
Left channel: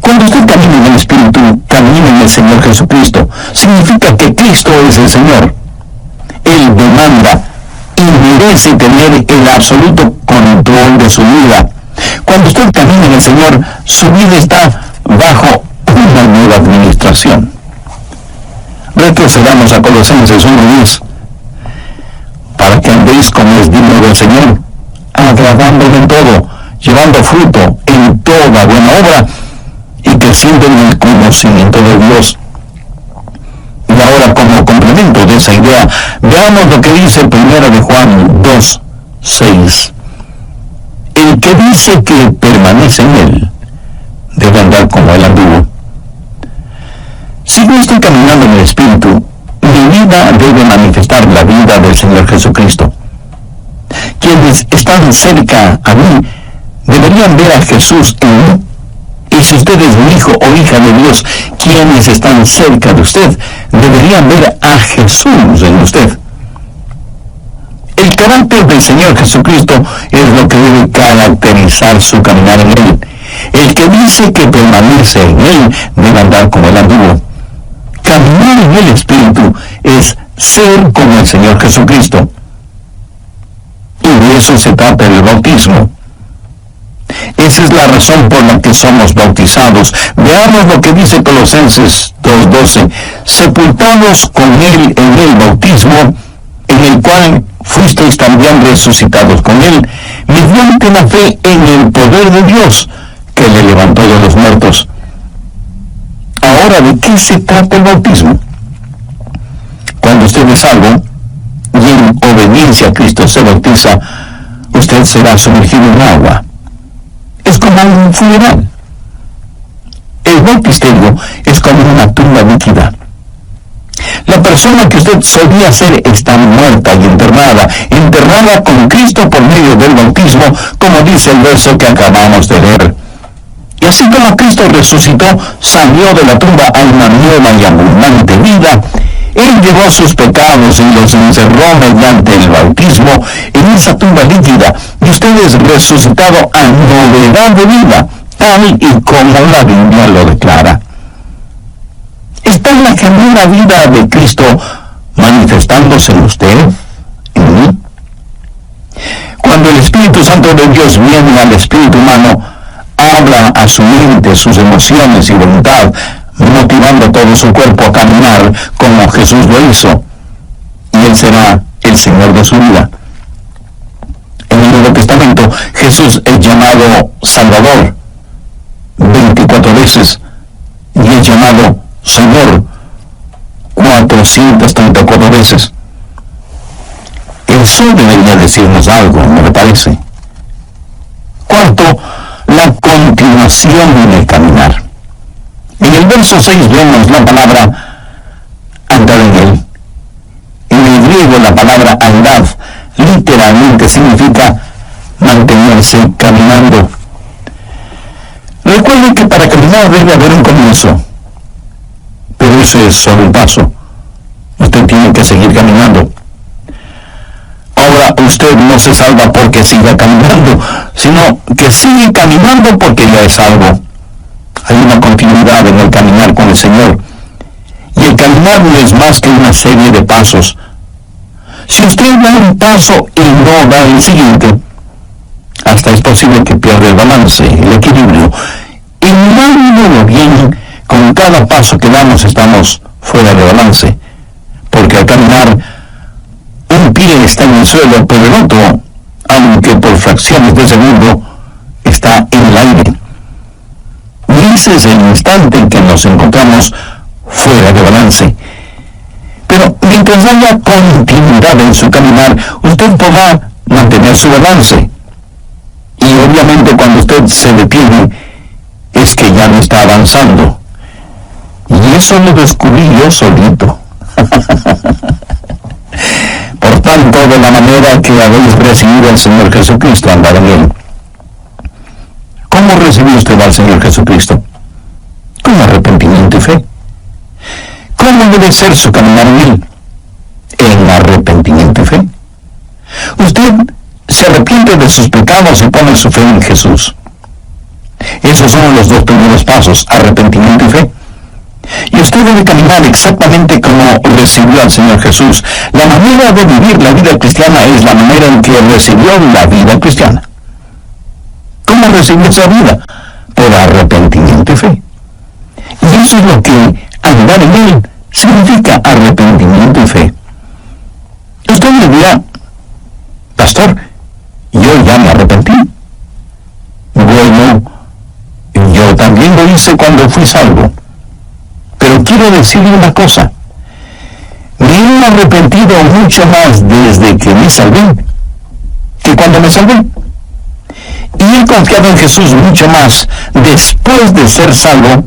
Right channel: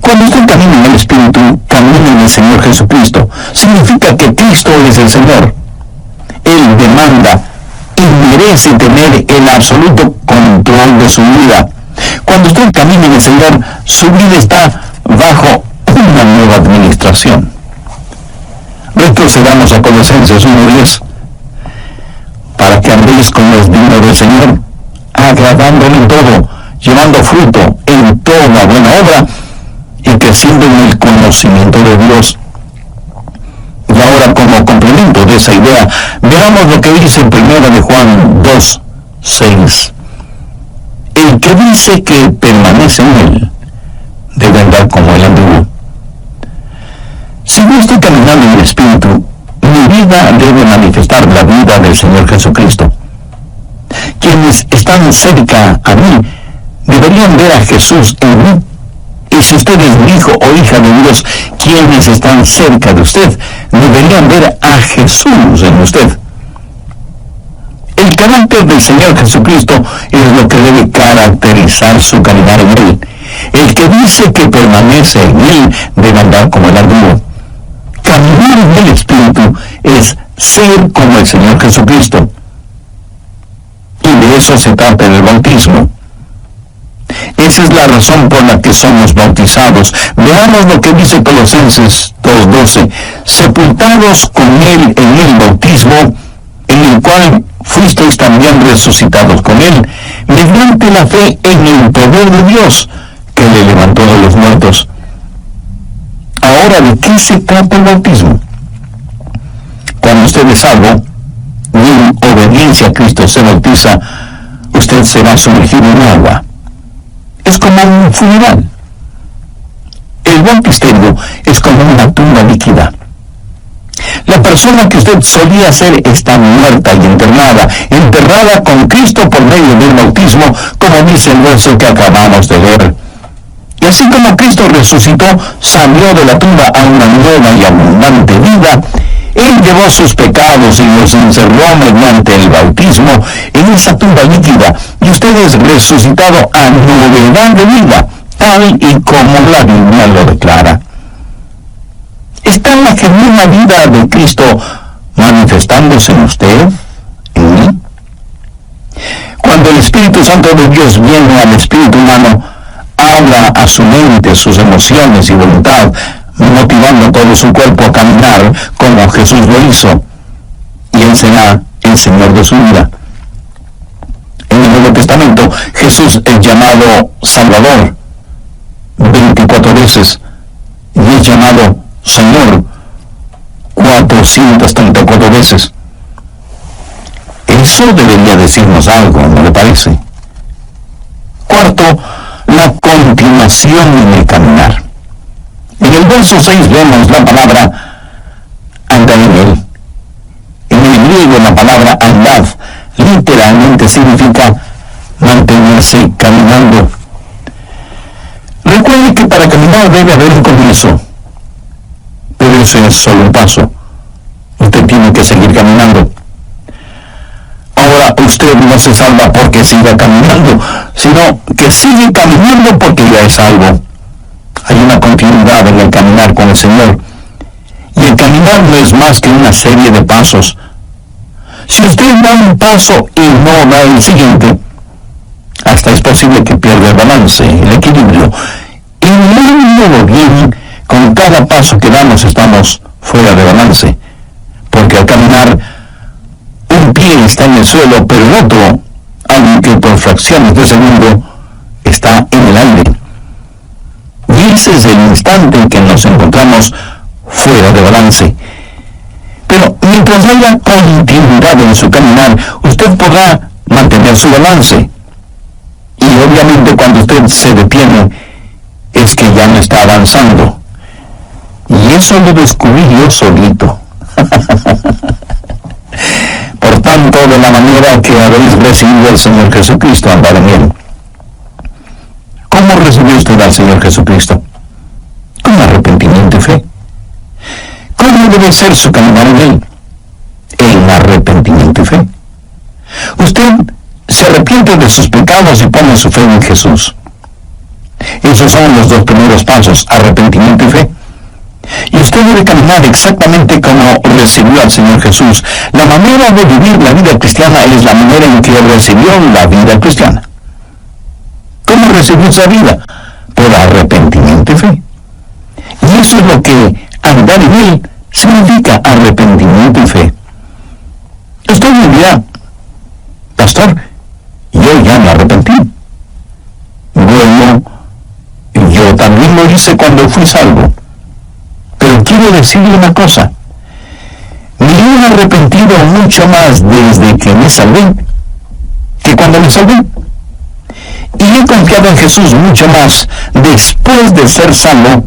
Cuando usted camina en el Espíritu, camina en el Señor Jesucristo. Significa que Cristo es el Señor. Él demanda y merece tener el absoluto control de su vida. Cuando usted camina en el Señor, su vida está bajo una nueva administración. Retrocedamos a Colosenses 1:10. Para que andéis como es digno del Señor, agradándole en todo, llevando fruto en toda buena obra y creciendo en el conocimiento de Dios. Y ahora, como complemento de esa idea, veamos lo que dice 1 de Juan 2:6. El que dice que permanece en él, debe andar como él anduvo. Si yo estoy caminando en el Espíritu, mi vida debe manifestar la vida del Señor Jesucristo. Quienes están cerca a mí deberían ver a Jesús en mí. Y si usted es un hijo o hija de Dios, quienes están cerca de usted deberían ver a Jesús en usted. El carácter del Señor Jesucristo es lo que debe caracterizar su caminar en Él. El que dice que permanece en Él debe andar como Él anduvo. Caminar en el Espíritu es ser como el Señor Jesucristo. Y de eso se trata el bautismo. Esa es la razón por la que somos bautizados. Veamos lo que dice Colosenses 2:12. Sepultados con Él en el bautismo, en el cual fuisteis también resucitados con Él, mediante la fe en el poder de Dios, que le levantó de los muertos. Ahora, ¿de qué se trata el bautismo? Cuando usted es salvo y en obediencia a Cristo se bautiza, usted será sumergido en agua. Es como un funeral. El bautisterio es como una tumba líquida. La persona que usted solía ser está muerta y enterrada con Cristo por medio del bautismo, como dice el verso que acabamos de leer. Y así como Cristo resucitó, salió de la tumba a una nueva y abundante vida, Él llevó sus pecados y los encerró mediante el bautismo en esa tumba líquida, y usted es resucitado a novedad de vida, tal y como la Biblia lo declara. ¿Está la genuina vida de Cristo manifestándose en usted, en mí? Cuando el Espíritu Santo de Dios viene al espíritu humano, habla a su mente, sus emociones y voluntad, motivando a todo su cuerpo a caminar como Jesús lo hizo, y Él será el Señor de su vida. En el Nuevo Testamento, Jesús es llamado Salvador 24 veces, y es llamado Señor 434 veces. Eso debería decirnos algo, ¿no le parece? Cuarto, la continuación en el caminar. En el verso 6 vemos la palabra andar en Él. En el griego la palabra andad literalmente significa mantenerse caminando. Recuerde que para caminar debe haber un comienzo, pero ese es solo un paso. Usted tiene que seguir caminando. Ahora, usted no se salva porque siga caminando, sino que sigue caminando porque ya es salvo. Hay una continuidad en el caminar con el Señor. Y el caminar no es más que una serie de pasos. Si usted da un paso y no da el siguiente, hasta es posible que pierda el balance, el equilibrio. Y mirándolo bien, con cada paso que damos estamos fuera de balance. Porque al caminar, un pie está en el suelo, pero el otro, aunque por fracciones de segundo, está en el aire. Y ese es el instante en que nos encontramos fuera de balance. Pero mientras haya continuidad en su caminar, usted podrá mantener su balance. Y obviamente cuando usted se detiene, es que ya no está avanzando. Y eso lo descubrí yo solito. Por tanto, de la manera que habéis recibido al Señor Jesucristo, andad en Él. ¿Cómo recibió usted al Señor Jesucristo? Con arrepentimiento y fe. ¿Cómo debe ser su caminar en Él? En arrepentimiento y fe. Usted se arrepiente de sus pecados y pone su fe en Jesús. Esos son los dos primeros pasos, arrepentimiento y fe. Y usted debe caminar exactamente como recibió al Señor Jesús. La manera de vivir la vida cristiana es la manera en que recibió la vida cristiana. ¿Cómo recibió esa vida? Por arrepentimiento y fe. Y eso es lo que andar en Él significa, arrepentimiento y fe. Usted me dirá, pastor, yo ya me arrepentí. Bueno, yo también lo hice cuando fui salvo. Pero quiero decirle una cosa. Me he arrepentido mucho más desde que me salvé que cuando me salvé. Y he confiado en Jesús mucho más después de ser salvo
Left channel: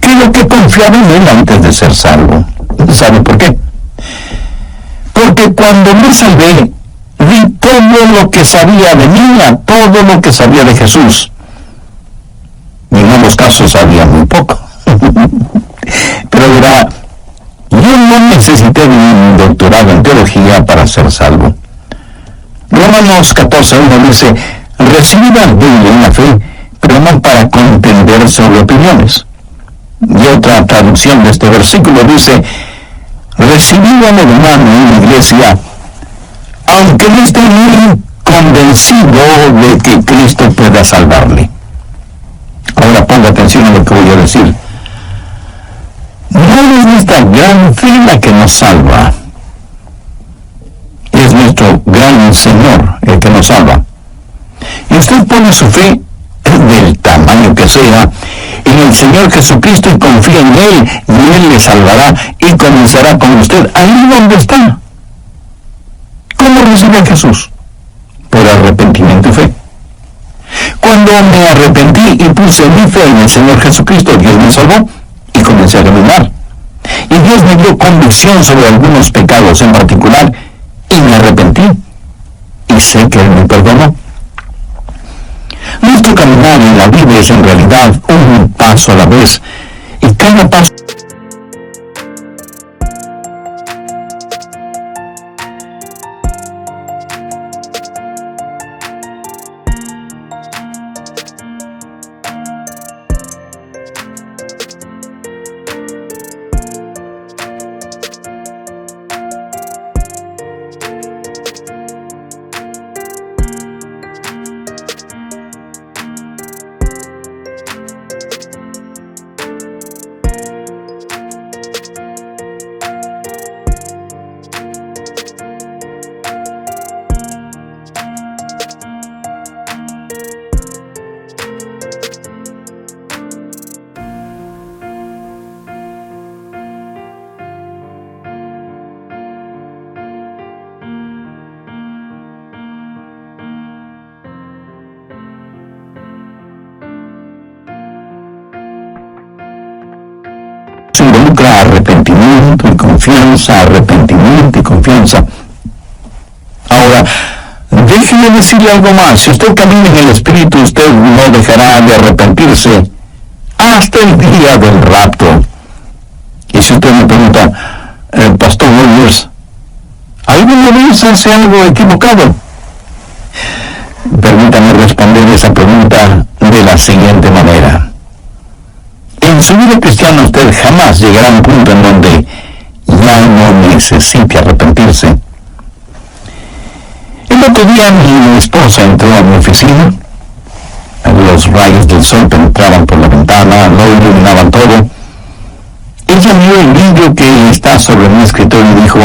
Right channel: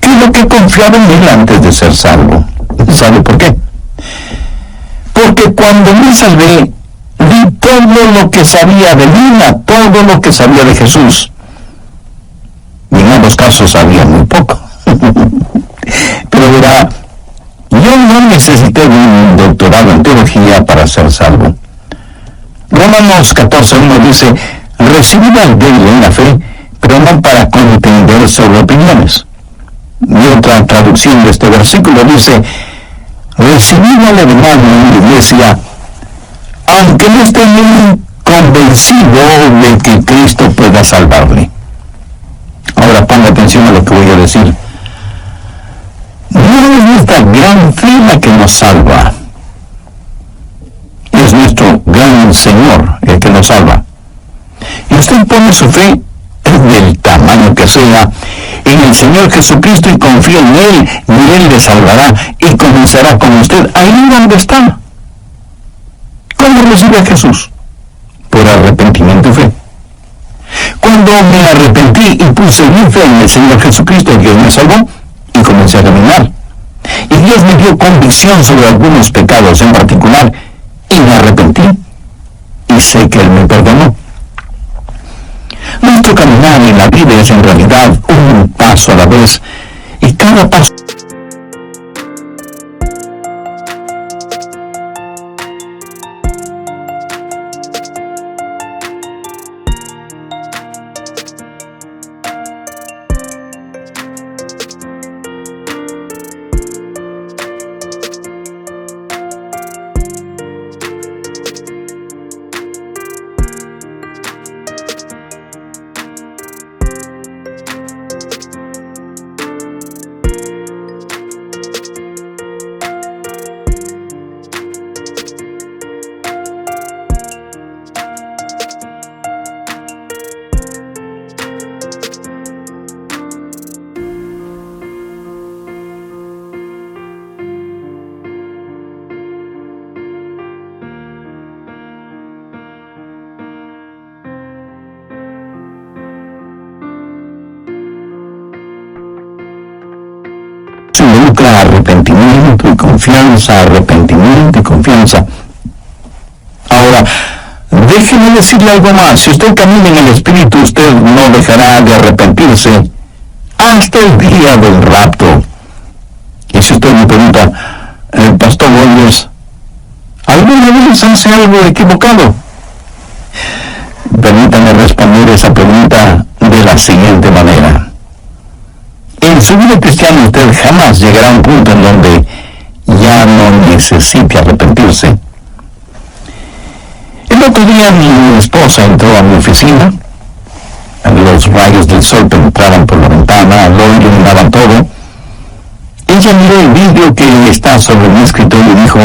que lo que confiaba en Él antes de ser salvo. ¿Sabe por qué? Porque cuando me salvé, di todo lo que sabía de mí, a todo lo que sabía de Jesús. Y en ambos casos sabía muy poco. Pero verá, yo no necesité un doctorado en teología para ser salvo. Romanos 14:1 dice, recibid al débil en la fe, pero no para contender sobre opiniones. Y otra traducción de este versículo dice, recibid al hermano en la iglesia, aunque no esté muy convencido de que Cristo pueda salvarle. Ahora ponga atención a lo que voy a decir. No es nuestra gran fe la que nos salva. Es nuestro gran Señor el que nos salva. Y usted pone su fe, del tamaño que sea, en el Señor Jesucristo y confía en Él, y Él le salvará y comenzará con usted ahí donde está. ¿Cómo recibe a Jesús? Por arrepentimiento y fe. Cuando me arrepentí y puse mi fe en el Señor Jesucristo, Dios me salvó y comencé a caminar. Y Dios me dio convicción sobre algunos pecados en particular y me arrepentí. Y sé que Él me perdonó. Nuestro caminar en la vida es en realidad un paso a la vez, y cada paso involucra arrepentimiento y confianza, arrepentimiento y confianza. Ahora, déjeme decirle algo más. Si usted camina en el Espíritu, usted no dejará de arrepentirse hasta el día del rapto. Y si usted me pregunta, Pastor Rogers, ¿alguna vez hace algo equivocado? Permítame responder esa pregunta de la siguiente manera. En su vida cristiana usted jamás llegará a un punto en donde ya no necesite arrepentirse. El otro día mi esposa entró a mi oficina. Los rayos del sol penetraban por la ventana, lo iluminaban todo. Ella miró el vidrio que está sobre mi escritorio y dijo,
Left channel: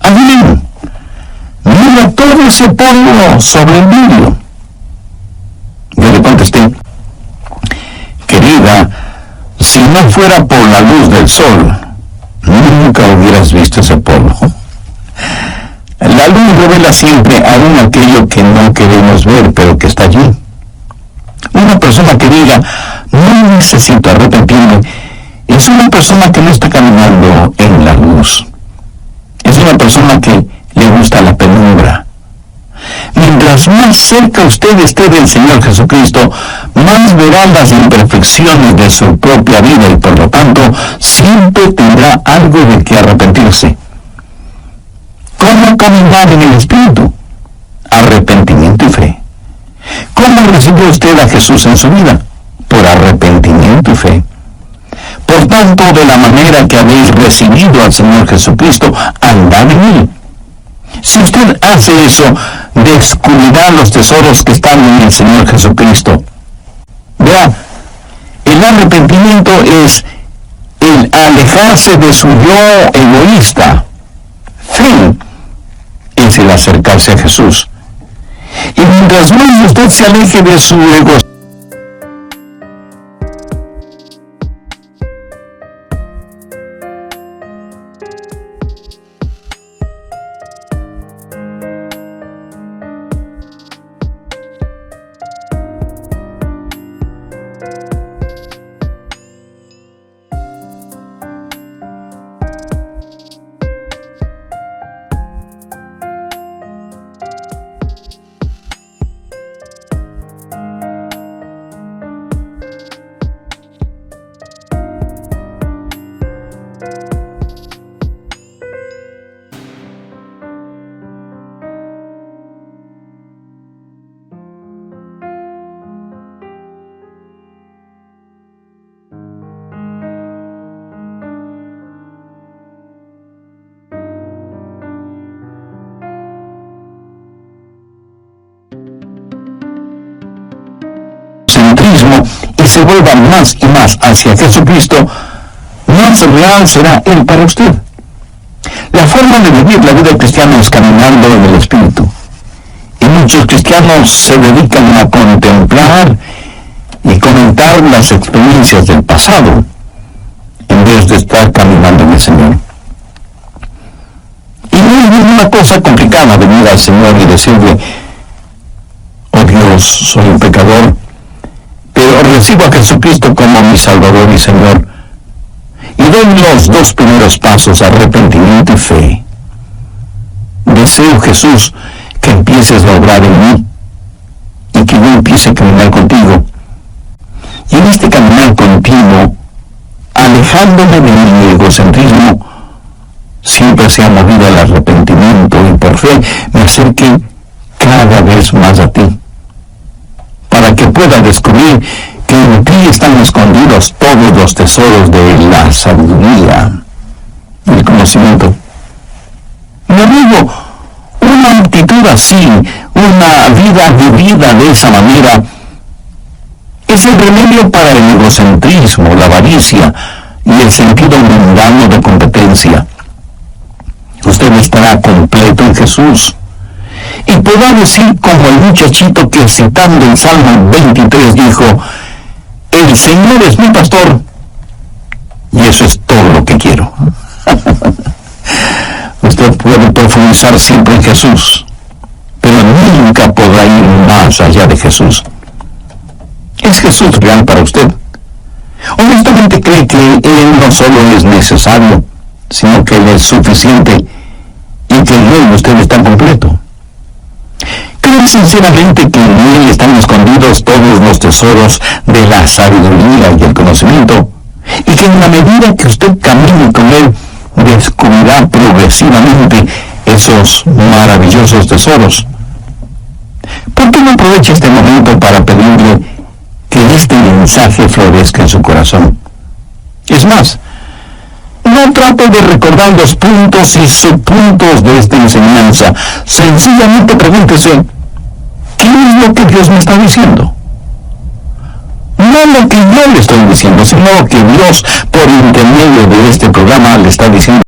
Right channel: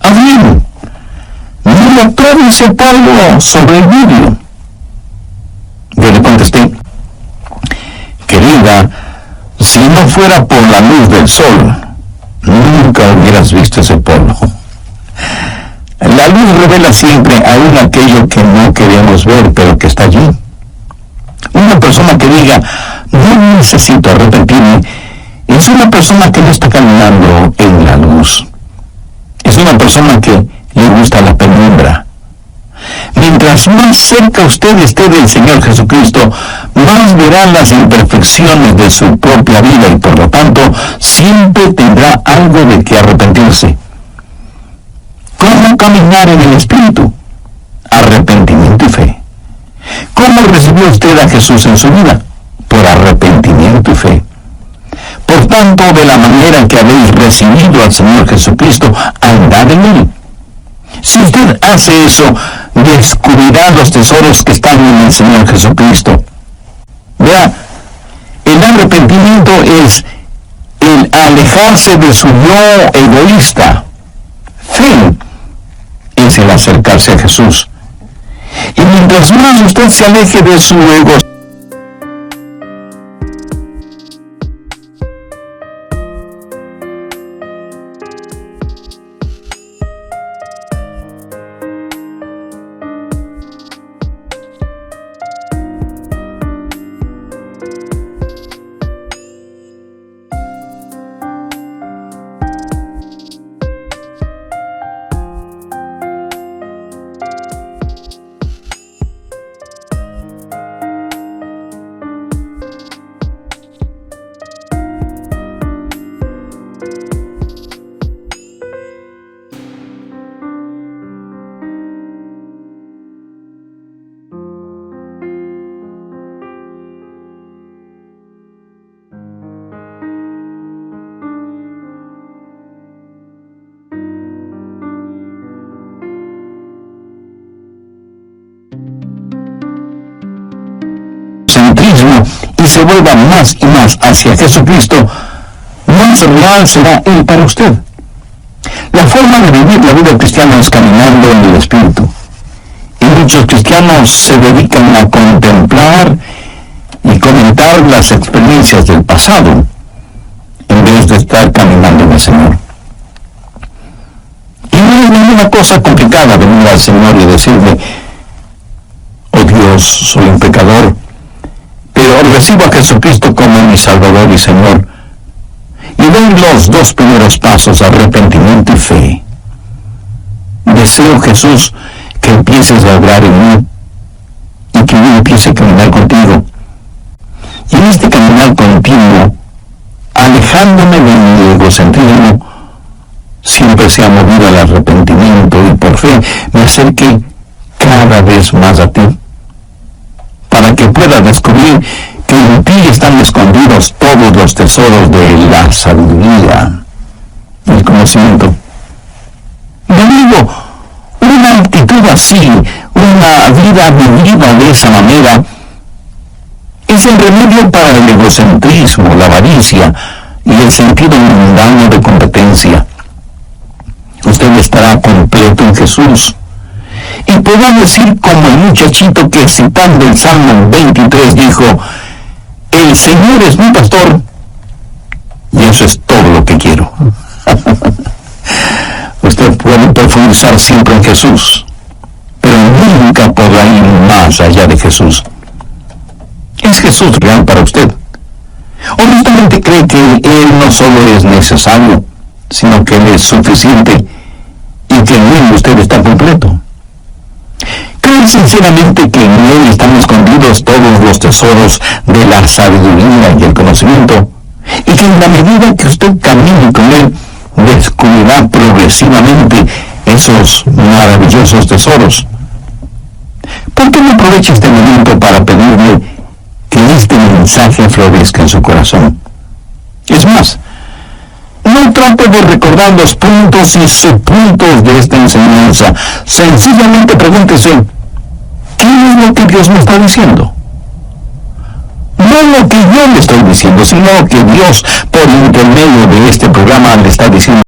Adrián, mira todo ese polvo sobre el vidrio. Yo le contesté, querida, si no fuera por la luz del sol, nunca hubieras visto ese polvo. La luz revela siempre aún aquello que no queremos ver, pero que está allí. Una persona que diga, no necesito arrepentirme, es una persona que no está caminando en la luz. Es una persona que le gusta la penumbra. Mientras más cerca usted esté del Señor Jesucristo, más verá las imperfecciones de su propia vida y por lo tanto siempre tendrá algo de que arrepentirse. ¿Cómo caminar en el Espíritu? Arrepentimiento y fe. ¿Cómo recibió usted a Jesús en su vida? Por arrepentimiento y fe. Por tanto, de la manera que habéis recibido al Señor Jesucristo, andad en Él. Si usted hace eso, descubrirá los tesoros que están en el Señor Jesucristo. Vea, el arrepentimiento es el alejarse de su yo egoísta. Fe es el acercarse a Jesús. Y mientras más usted se aleje de su ego, y se vuelva más y más hacia Jesucristo, más real será Él para usted. La forma de vivir la vida cristiana es caminando en el Espíritu. Y muchos cristianos se dedican a contemplar y comentar las experiencias del pasado, en vez de estar caminando en el Señor. Y no es ninguna cosa complicada venir al Señor y decirle: oh Dios, soy un pecador, pero recibo a Jesucristo como mi Salvador y Señor, y doy los dos primeros pasos, arrepentimiento y fe. Deseo, Jesús, que empieces a obrar en mí, y que yo empiece a caminar contigo. Y en este caminar contigo, alejándome de mi egocentrismo, siempre sea movido al arrepentimiento, y por fe me acerque cada vez más a ti, para que pueda descubrir que en ti están escondidos todos los tesoros de la sabiduría y el conocimiento. Mi amigo, una actitud así, una vida vivida de esa manera, es el remedio para el egocentrismo, la avaricia y el sentido mundano de competencia. Usted estará completo en Jesús. Y podrá decir como el muchachito que, citando el Salmo 23, dijo: el Señor es mi pastor, y eso es todo lo que quiero. Usted puede profundizar siempre en Jesús, pero nunca podrá ir más allá de Jesús. ¿Es Jesús real para usted? Honestamente cree que Él no solo es necesario, sino que Él es suficiente, y que en Él usted está completo. ¿Cree sinceramente que en Él están escondidos todos los tesoros de la sabiduría y el conocimiento, y que en la medida que usted camine con Él, descubrirá progresivamente esos maravillosos tesoros? ¿Por qué no aprovecha este momento para pedirle que este mensaje florezca en su corazón? Es más, no trate de recordar los puntos y subpuntos de esta enseñanza. Sencillamente pregúntese: ¿qué es lo que Dios me está diciendo? No lo que yo le estoy diciendo, sino que Dios, por intermedio de este programa, le está diciendo.